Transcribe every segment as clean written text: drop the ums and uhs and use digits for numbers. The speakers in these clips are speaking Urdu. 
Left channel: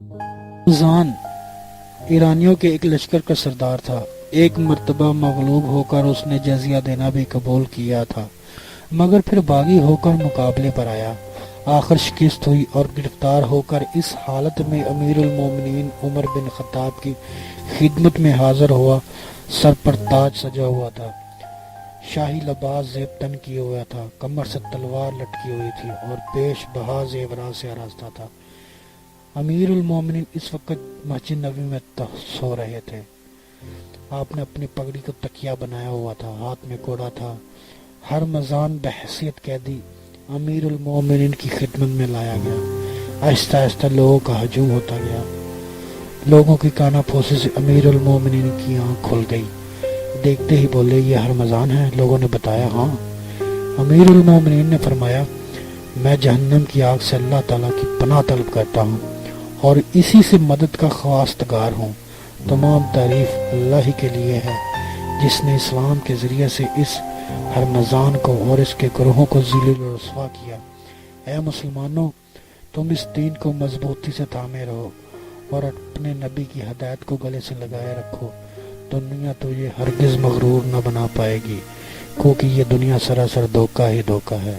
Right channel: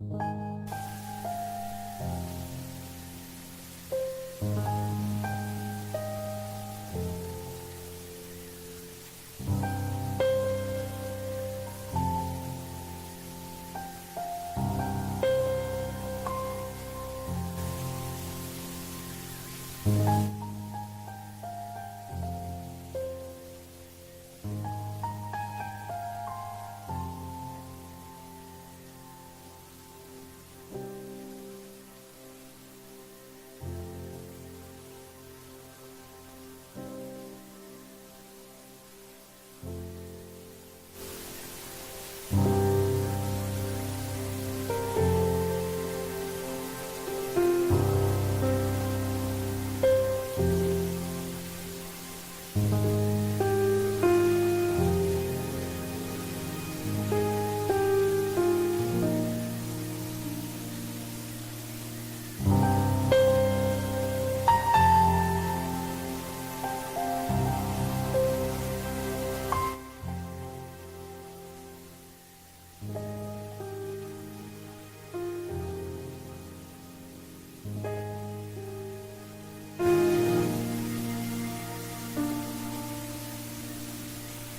زان ایرانیوں کے ایک لشکر کا سردار تھا۔ ایک مرتبہ مغلوب ہو کر اس نے جزیہ دینا بھی قبول کیا تھا، مگر پھر باغی ہو کر مقابلے پر آیا۔ آخر شکست ہوئی اور گرفتار ہو کر اس حالت میں امیر المومنین عمر بن خطاب کی خدمت میں حاضر ہوا۔ سر پر تاج سجا ہوا تھا، شاہی لباس زیب تن کیے ہوا تھا، کمر سے تلوار لٹکی ہوئی تھی اور پیش بہا زیورات سے آراستہ تھا۔ امیر المومنین اس وقت مسجد نبوی میں سو رہے تھے۔ آپ نے اپنی پگڑی کو تکیہ بنایا ہوا تھا، ہاتھ میں کوڑا تھا۔ ہرمزان بحیثیت قیدی امیر المومنین کی خدمت میں لایا گیا۔ آہستہ آہستہ لوگوں کا ہجوم ہوتا گیا۔ لوگوں کی کانا پھوسی سے امیر المومنین کی آنکھ کھل گئی۔ دیکھتے ہی بولے، یہ ہرمزان ہے؟ لوگوں نے بتایا، ہاں۔ امیر المومنین نے فرمایا، میں جہنم کی آگ سے اللہ تعالیٰ کی پناہ طلب کرتا ہوں اور اسی سے مدد کا خواستگار ہوں۔ تمام تعریف اللہ ہی کے لیے ہے جس نے اسلام کے ذریعے سے اس ہرمزان کو اور اس کے گروہوں کو ذلیل و رسوا کیا۔ اے مسلمانوں، تم اس دین کو مضبوطی سے تھامے رہو اور اپنے نبی کی ہدایت کو گلے سے لگائے رکھو۔ دنیا تو یہ ہرگز مغرور نہ بنا پائے گی، کیونکہ یہ دنیا سراسر دھوکہ ہی دھوکہ ہے۔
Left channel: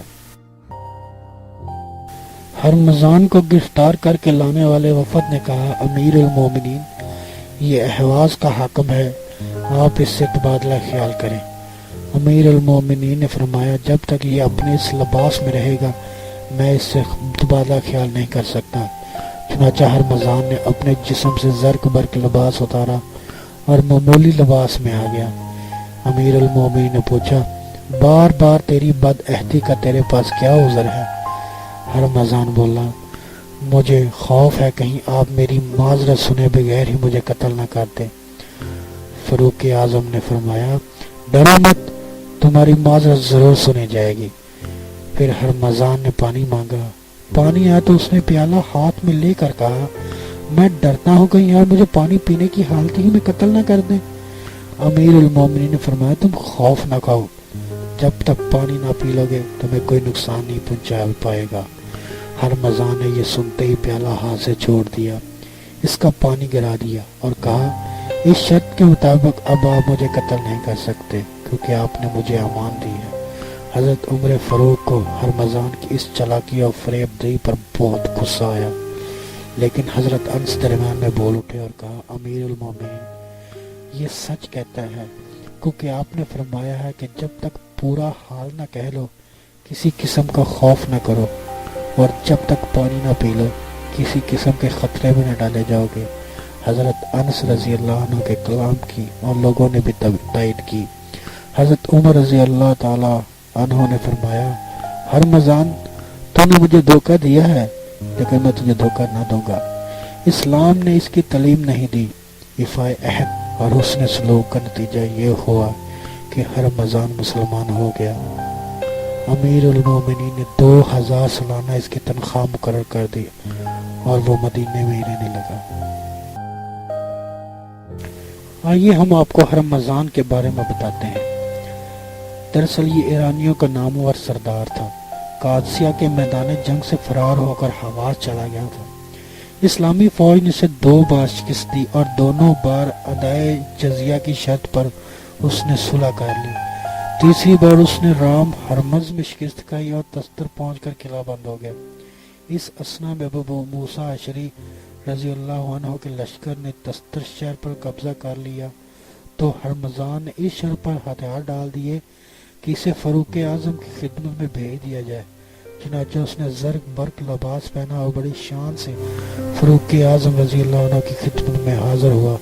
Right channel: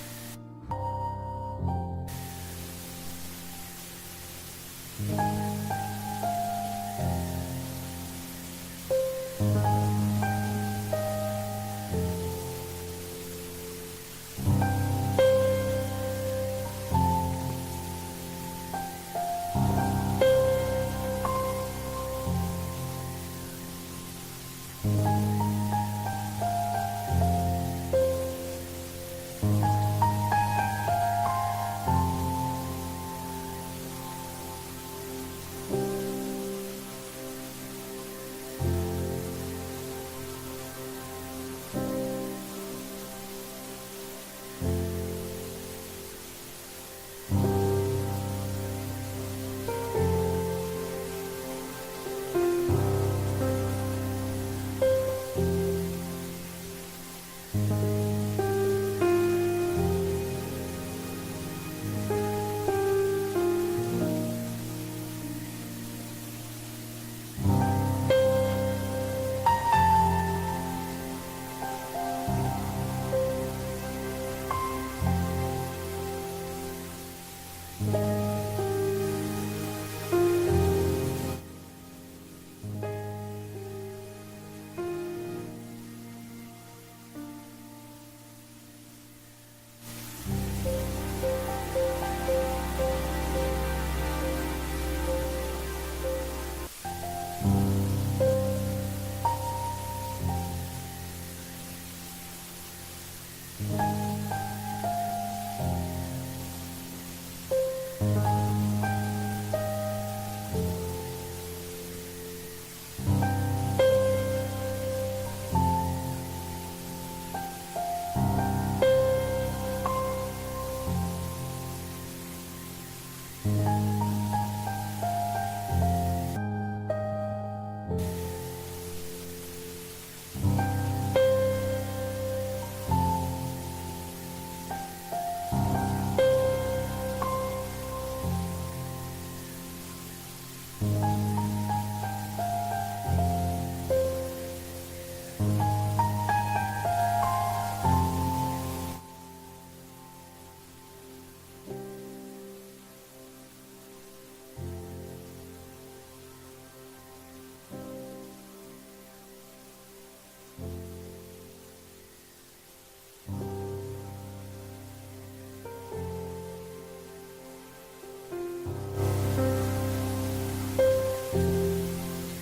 ہرمزان کو گرفتار کر کے لانے والے وفد نے کہا، امیر المومنین، یہ اہواز کا حاکم ہے، آپ اس سے تبادلہ خیال کریں۔ امیر المومنین نے فرمایا، جب تک یہ اپنے اس لباس میں رہے گا میں اس سے تبادلہ خیال نہیں کر سکتا۔ چنانچہ ہرمزان نے اپنے جسم سے زرق برق لباس اتارا اور معمولی لباس میں آ گیا۔ امیر المومنین نے پوچھا، بار بار تیری بد عہدی کا تیرے پاس کیا عذر ہے؟ ہرمزان بولا، مجھے خوف ہے کہیں آپ میری معذرت سنے بغیر ہی مجھے قتل نہ کر دیں۔ فاروق اعظم نے فرمایا، ڈرو مت، تمہاری معذرت ضرور سنی جائے گی۔ پھر ہرمزان نے پانی مانگا۔ پانی آیا تو اس نے پیالہ ہاتھ میں لے کر کہا، میں ڈرتا ہوں کہیں یار مجھے پانی پینے کی حالت ہی میں قتل نہ کر دیں۔ امیر المومنین نے فرمایا، تم خوف نہ کھاؤ، جب تک پانی نہ پی لو گے تمہیں کوئی نقصان نہیں پہنچا پائے گا۔ ہرمزان نے یہ سنتے ہی پیالہ ہاتھ سے چھوڑ دیا، اس کا پانی گرا دیا اور کہا، اس شرط کے مطابق اب آپ مجھے قتل نہیں کر سکتے کیونکہ آپ نے مجھے امان دی ہے۔ حضرت عمر فاروق کو ہرمزان کی اس چالاکی اور فریب دہی پر بہت غصہ آیا، لیکن حضرت انس درمیان میں بول اٹھے اور کہا، امیر المومنین، یہ سچ کہتا ہے کیونکہ آپ نے فرمایا ہے کہ جب تک پورا حال نہ کہہ لو کسی قسم کا خوف نہ کرو، اور جب تک پانی نہ پی لو کسی قسم کے خطرے میں نہ ڈالے جاؤ گے۔ حضرت انس رضی اللہ عنہ کے کلام کی اور لوگوں نے بھی تائید کی۔ حضرت عمر رضی اللہ تعالی عنہ نے فرمایا، ہرمزان، تو نے مجھے دھوکہ دیا ہے لیکن میں تجھے دھوکہ نہ دوں گا۔ اسلام نے اس کی تعلیم نہیں دی۔ وفائے عہد اور حسن سلوک کا نتیجہ یہ ہوا کہ ہرمزان مسلمان ہو گیا۔ امیر المومنین نے 2000 سالانہ اس کی تنخواہ مقرر کر دی اور وہ مدینے میں ہی رہنے لگا۔ آئیے ہم آپ کو ہرمزان کے بارے میں بتاتے ہیں۔ دراصل یہ ایرانیوں کا نامور سردار تھا۔ قادسیہ کے میدان جنگ سے فرار ہو کر حواز چلا گیا تھا۔ اسلامی فوج نے اسے 2 بار شکست دی اور دونوں بار ادائے جزیہ کی شرط پر اس نے صلح کر لی۔ تیسری بار اس نے رام ہرمز میں شکست کھائی اور تستر پہنچ کر قلعہ بند ہو گیا۔ اس اثنا میں ابو موسیٰ اشعری رضی اللہ عنہ کے لشکر نے تستر شہر پر قبضہ کر لیا تو ہرمزان نے اس شرط پر ہتھیار ڈال دیے کہ اسے فاروق اعظم کی خدمت میں بھیج دیا جائے۔ چنانچہ اس نے زرق برق لباس پہنا اور بڑی شان سے فاروق اعظم رضی اللہ عنہ کی خدمت میں حاضر ہوا،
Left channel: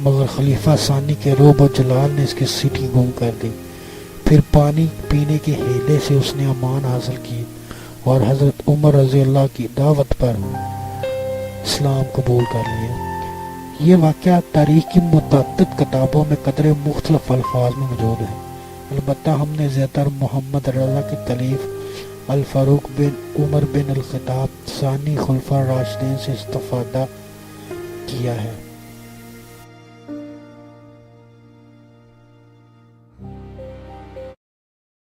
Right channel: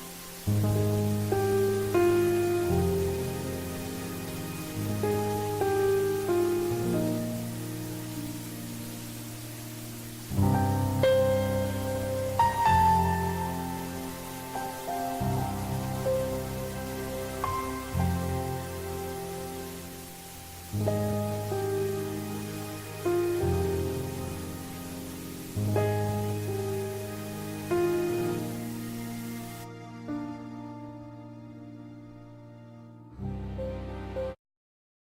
مگر خلیفہ ثانی کے رعب و جلال نے اس کی سیٹھی گم کر دی۔ پھر پانی پینے کے ہیلے سے اس نے امان حاصل کی اور حضرت عمر رضی اللہ کی دعوت پر اسلام قبول کر لیا۔ یہ واقعہ تاریخ کی متعدد کتابوں میں قدرے مختلف الفاظ میں موجود ہے، البتہ ہم نے زیادہ تر محمد رضا کی تالیف الفاروق بن عمر بن الخطاب ثانی خلفاء راشدین سے استفادہ کیا ہے۔